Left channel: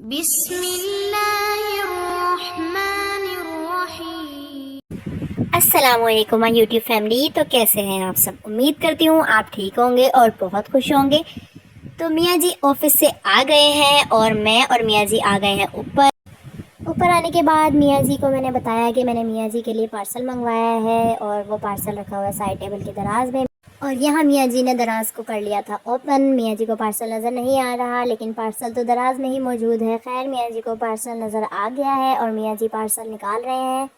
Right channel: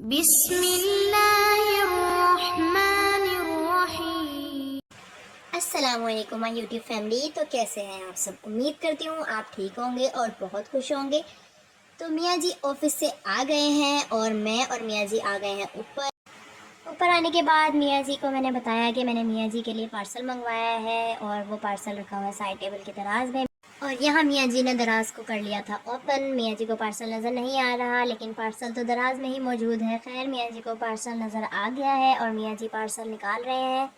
बिस्मिल्लाहिर्रहमानिर्रहीम। अस्सलामुअलैकुम my YouTube family. तो कैसे हैं आप सब? उम्मीद करती हूँ आप ठीक होंगे और बहुत खुश होंगे। तो मियाँ जी ऑफिस से आ गए हैं और मैं और मियाँ जी आ गए हैं ऊपर। ऊपर आने के बाद मियाँ जी को मैंने बताया कि मैंने मियाँ जी के लिए पार्सल मंगवाया है और वो पार्सल रखा हुआ है साइड टेबल के दराज में। और यहाँ मियाँ जी ने दराज को कर लिया था ओपन। मियाँ जी को पार्सल नज़र नहीं आ रहा, लेकिन पार्सल तो दराज में ही मौजूद है। खैर, मियाँ जी को पार्सल नज़र आ गया है और मियाँ जी पार्सल निकाल रहे हैं।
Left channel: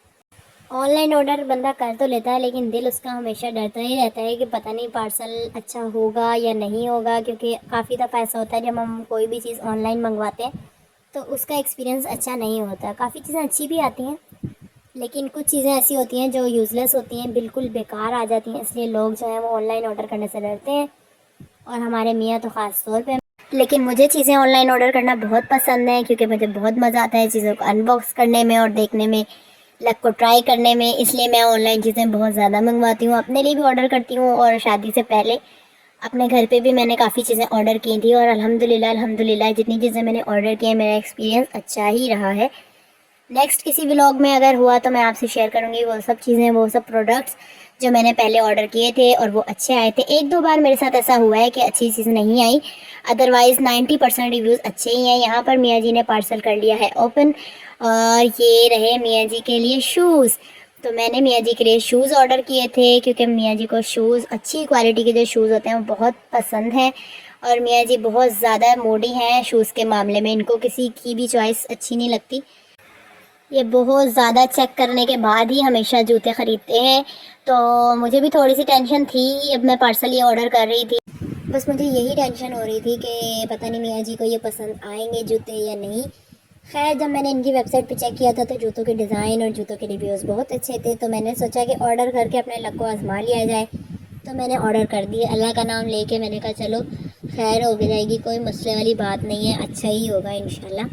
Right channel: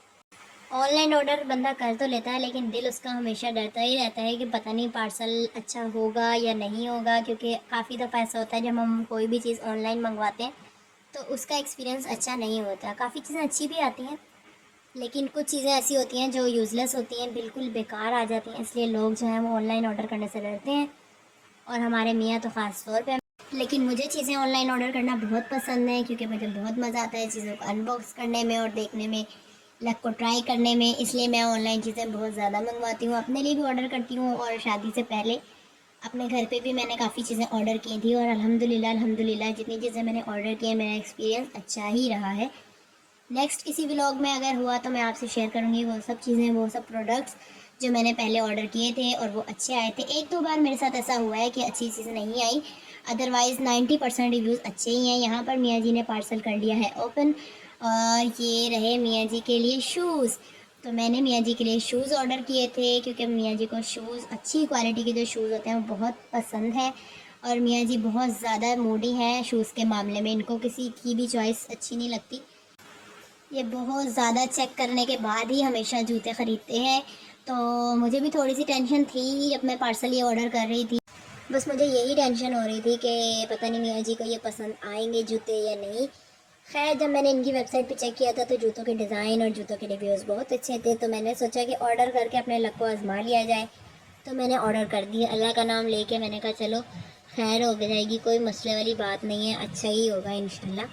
ऑनलाइन ऑर्डर बंदा कर तो लेता है, लेकिन दिल उसका हमेशा डरता ही रहता है कि पता नहीं पार्सल अच्छा होगा या नहीं होगा, क्योंकि काफ़ी दफ़ा ऐसा होता है जब हम कोई भी चीज़ ऑनलाइन मंगवाते हैं तो उसका एक्सपीरियंस अच्छा नहीं होता। काफ़ी चीज़ें अच्छी भी आती हैं, लेकिन कुछ चीज़ें ऐसी होती हैं जो यूज़लेस होती हैं, बिल्कुल बेकार आ जाती हैं। इसलिए लोग जो हैं वो ऑनलाइन ऑर्डर करने से डरते हैं, और हमारे मियाँ तो ख़ास तौर पे। लेकिन मुझे चीज़ें ऑनलाइन ऑर्डर करना बहुत पसंद है, क्योंकि मुझे बहुत मज़ा आता है चीज़ों को अनबॉक्स करने में और देखने में, लक को ट्राई करने में। इसलिए मैं ऑनलाइन चीज़ें बहुत ज़्यादा मंगवाती हूँ, अपने लिए भी ऑर्डर करती हूँ, और शादी से पहले अपने घर पे भी मैंने काफ़ी चीज़ें ऑर्डर की थी। और अल्हम्दुलिल्लाह जितनी चीज़ें मैंने ऑर्डर की हैं मेरा एक्सपीरियंस अच्छा ही रहा है। नेक्स्ट किसी व्लॉग में अगर हुआ तो मैं आपसे शेयर करूँगी वो सब चीज़ें, वो सब प्रोडक्ट्स जो मैंने पहले ऑर्डर किए थे और वो अच्छे आए थे। एक दो बार मेरे साथ ऐसा हुआ है कि अच्छी चीज़ नहीं आई, अदरवाइज़ 90% रिव्यूज़ अच्छे ही हैं। यहाँ पर मियाँ जी ने पार्सल कर लिया है ओपन, और ये रहे मियाँ जी के लिए शूज़। तो मैंने मियाँ जी के लिए शूज़ ऑर्डर किए थे, क्योंकि मियाँ जी को शूज़, अच्छी क्वालिटी के जो शूज़ होते हैं वो बहुत पसंद हैं। और मियाँ जी बहुत ज़्यादा मूडी हैं शूज़ के मामले में, इनको किसी की भी चॉइस अच्छी नहीं लगती। ये बहुत ज़्यादा चेक करने के बाद ही हमेशा जूते ख़रीदते हैं। तो मुझे भी थोड़ी सी टेंशन थी, अब मैं पार्सल ये ऑर्डर कर रही थी। बस मुझे यही टेंशन हो रही थी कि पता नहीं मियाँ जी को ये पसंद आएंगे जूते या नहीं। खैर, जब मैंने इनकी वेबसाइट पे चेक किया था तो जूतों के डिज़ाइन और जूतों के रिव्यूज़ बहुत अच्छे थे। तो मैंने सोचा कि ऑर्डर करके अपने लक को आजमा लिया जाए। तो मैंने ऑर्डर कर दिए, अल्लाह का नाम लेके। मैंने कहा चलो खैर हो जाएगी, कोई मसले वाली बात नहीं है, अच्छा ही होगा इंशाल्लाह।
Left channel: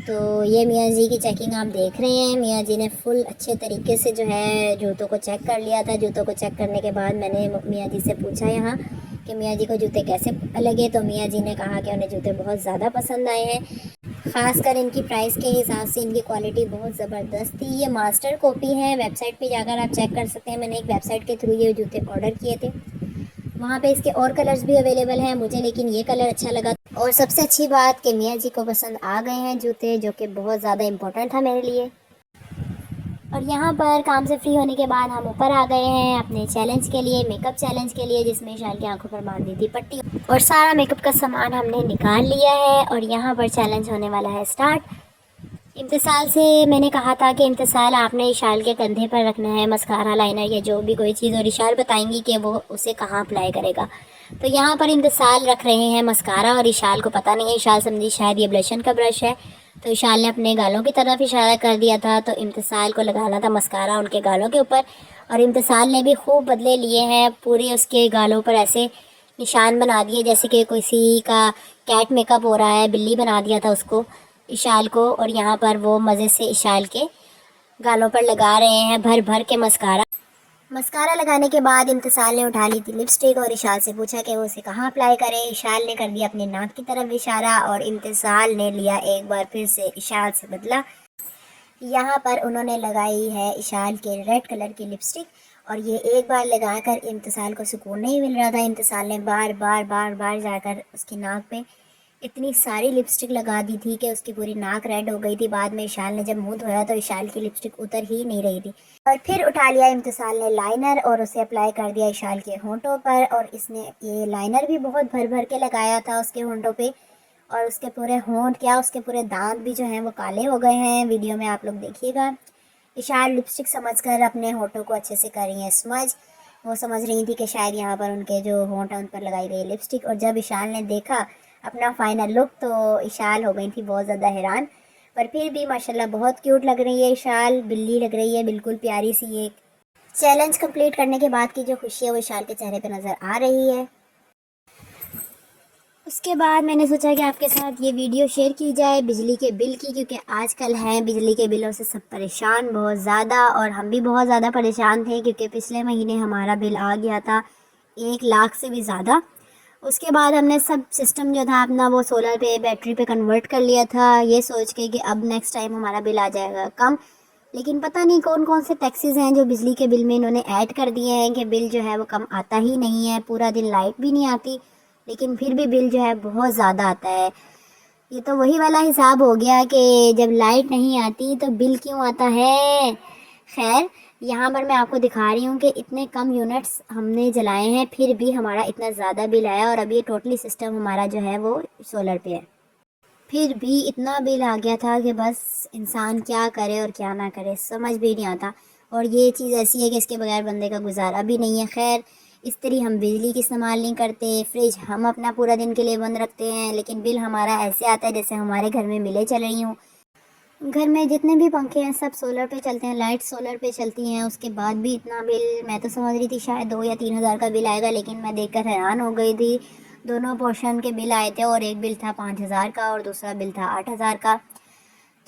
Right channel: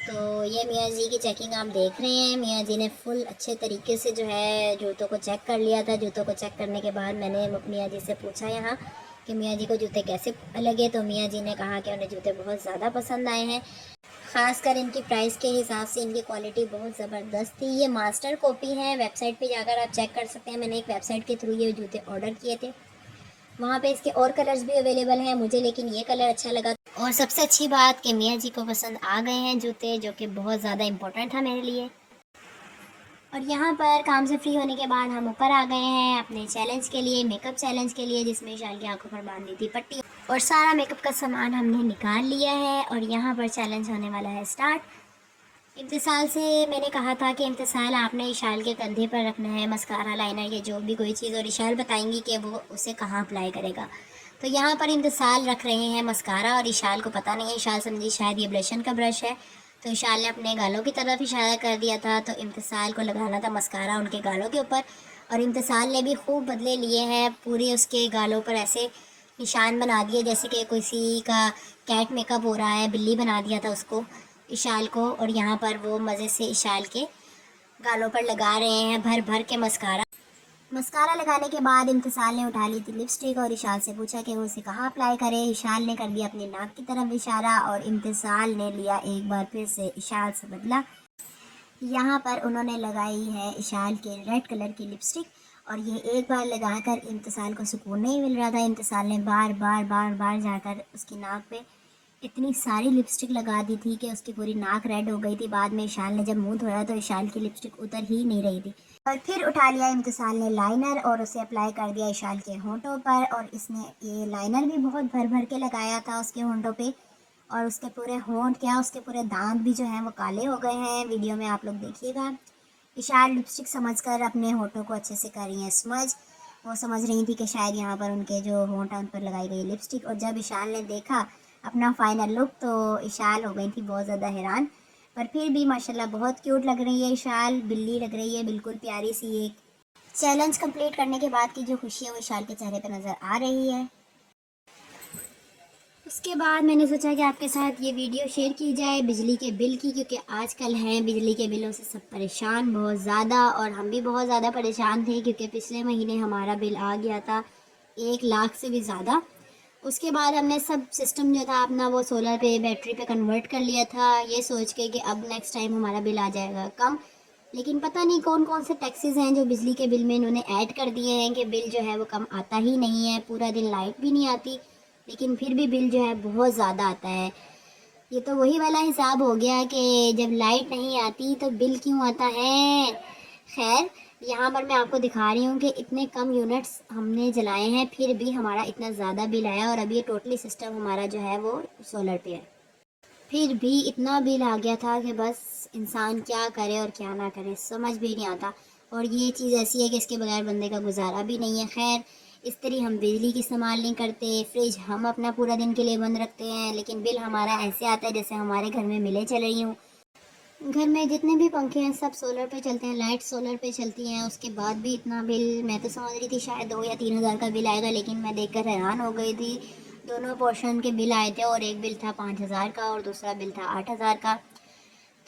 तो ये मियाँ जी की चेकिंग आप देख रहे हैं। मियाँ जी ने फुल अच्छे तरीके से जो है जूतों को चेक कर लिया था। जूतों को चेक करने के बाद मैंने मियाँ जी से पूछा यहाँ कि मियाँ जी को जूते कैसे लगे। तो मियाँ जी ने कहा कि उन्हें जूते बहुत ज़्यादा पसंद आए हैं, ख़ासकर इनकी प्राइस के हिसाब से इनकी क्वालिटी बहुत ज़बरदस्त थी। ये मास्टर कॉपी है, वेबसाइट पे जाकर आप चेक कर सकते हैं। मैंने एक वेबसाइट के थ्रू ये जूते ऑर्डर किए थे, वहाँ पे इसके और कलर्स भी अवेलेबल हैं मुझे, लेकिन ये कलर अच्छा लगा। और सबसे अच्छी बात कि मियाँ जी को पसंद आ गए हैं जूते, जो कि बहुत ज़्यादा इम्पोर्टेंट था मेरे लिए। और यहाँ पर काम से फ्री होने के बाद हम ऊपर आ गए हैं अपने चैलेंज के लिए, मेकअप चैलेंज के लिए, जिसमें शाल की आंखों पर बांधी थी पट्टी, और सारा मेकअप का सामान हमने निकाल लिया है। और यहाँ पर चैलेंज होने वाला है स्टार्ट। इम्तिसाल से मैंने कहा था कि इम्तिसाल आपने इशाल के कंधे पर रखना है मस्कारा, लाइनर या जो भी कोई चीज़, और इशाल बताएंगी कि वो उसे कहाँ अप्लाई करेगा। तो यहाँ पर इम्तिसाल रख रहे हैं मस्कारा, और इशाल को पता नहीं है, इशाल समझी शायद ये ब्लशन का ब्रश है। तो इशाल ने अपने गालों की तरफ इशारा कर दिया था, तो इम्तिसाल को लगाना था मस्कारा उनके गालों के ऊपर। और इम्तिसाल ने भी खूब बदले लिए हैं, पूरे उसके गालों पर ऐसे निशान बना दिए जैसे कि किसी का कैट मेकअप हो रहा है, बिल्ली बना दिया था उसको, इशाल को। और यहाँ पर वो मज़े से इशाल के गालों पर लगा रहे हैं भर भर के मस्कारा। मस्कारा लगाने के बाद इम्तिसाल ने उठा ली थी लिपस्टिक और इशाल से पूछा कि वो उसे कहाँ अप्लाई करें। इशाल ने कर दिया अपने नाक की तरफ इशारा, और इम्तिसाल ने लिया एक बार फिर से इशाल से बदला। यहाँ पर उन्होंने लगाई है इशाल के रेड कलर की लिपस्टिक, और ये एक बार लगाकर इम्तिसाल को सुकून नहीं मिल रहा था। इम्तिसाल ने बार बार बार बार जाकर उसकी नाक पे इतनी सारी लिपस्टिक लगा दी थी कि उसकी पूरी नाक रेड हो गई थी। बाद में इशाल ने जब मुंह धोया तो इशाल की लिपस्टिक उतर ही नहीं रही थी। और फिर उठा लिया इम्तिसाल ने लाइनर और उसे अप्लाई कर दिया इशाल के होंठों पर, और इसने ये लाइनर भी बहुत भर भर के लगाया था उसके होंठों पे, और उसके पूरे होंठ क्या, उसके पूरे दांत भी जो हैं वो काले हो गए हैं। वीडियो में आप लोग देखिएगा। इशाल लिपस्टिक समझकर अपने होंठों को अच्छे से कर रही हैं स्मज। वो समझ रही थी कि शायद यहाँ पर उनके जो होंठ हैं उन पर लगाई गई लिपस्टिक। और जब इशाल ने देखा अपना फाइनल लुक तो इशाल हो गई थी बहुत ज़्यादा हैरान। पर फिर भी माशाल्लाह बहुत क्यूट लग रही है इशाल, बिल्ली लग रही है बिल्कुल प्यारी सी एक। चैलेंज कंप्लीट करने के बाद की जो खुशी है वो इशाल के चेहरे पर नज़र आ रही है। उसके बाद मैंने सोचा कि आपके साथ ये वीडियो शेयर की जाए बिजली के बिल की, क्योंकि आजकल हैं बिजली के बिलों से सब परेशान बहुत ज़्यादा, और हम भी बहुत ज़्यादा परेशान थे क्योंकि पिछले महीने हमारा बिल आ गया था 1 लाख से भी ज़्यादा। उसके बाद हमने सब सिस्टम जो था अपना वो सोलर पे बैटरी पे कन्वर्ट कर लिया था, ये सोच के कि अब नेक्स्ट टाइम हमारा बिल आ जाएगा कम। लेकिन पता नहीं कौन कौन से टैक्सेस हैं जो बिजली के बिल में इन्होंने ऐड कर दिए हैं कि बिल जो है वो कम आता ही नहीं है, पूरा दिन लाइट भी नहीं आती लेकिन फिर भी बिल जो है बहुत ज़्यादा आता है। ये तो वही वाला हिसाब हो गया कि जब लाइट नहीं आती तो बिल क्यों आता है। खैर, यहाँ पर मैं आपको दिखा रही हूँ कि इतने कम यूनिट्स हमने जलाए हैं फिर भी हमारा इतना ज़्यादा बिल आया, और अभी ये टोटली सिस्टम हमारा जो है वो सोलर पे है। फिर भी इतना बिल आ गया था कि बस इंसान क्या करे और क्या ना करे समझ भी नहीं आता। और ये चीज़ ऐसी है कि इसके बगैर बंदे का गुजारा भी नहीं है। खैर, इस तरह हम बिजली की इस्तेमाल नहीं करते, फ्रिज हम अपना पूरा दिन के लिए बंद रखते हैं, लेकिन बिल हमारा ऐसे आता है जैसे हमारे घर में मिले चल रही हूँ। घर में जितने भी पंखे हैं सब सोलर पे चलते हैं, लाइट सोलर पे चलती हैं, उसके बाद भी इतना बिल। मैं तो समझ रही थी शायद 2 या 3 हज़ार का बिल आएगा, लेकिन मैं देखकर हैरान हो गई थी। दोनों पोर्शन के बिल आए थे और एक बिल था 5 हज़ार का और दूसरा बिल था 8 हज़ार का।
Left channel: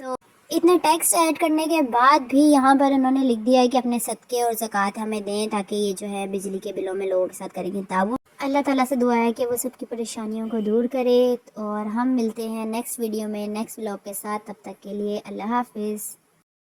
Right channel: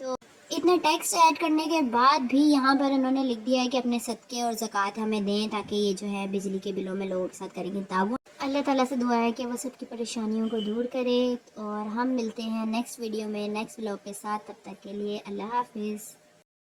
तो इतने टैक्स ऐड करने के बाद भी यहाँ पर इन्होंने लिख दिया है कि अपने सदक़े और ज़कात हमें दें, ताकि ये जो है बिजली के बिलों में लोगों के साथ करेंगे ताउन। अल्लाह ताला से दुआ है कि वो सबकी परेशानियों को दूर करे। और हम मिलते हैं नेक्स्ट वीडियो में नेक्स्ट व्लॉग के साथ, तब तक के लिए अल्लाह हाफिज़।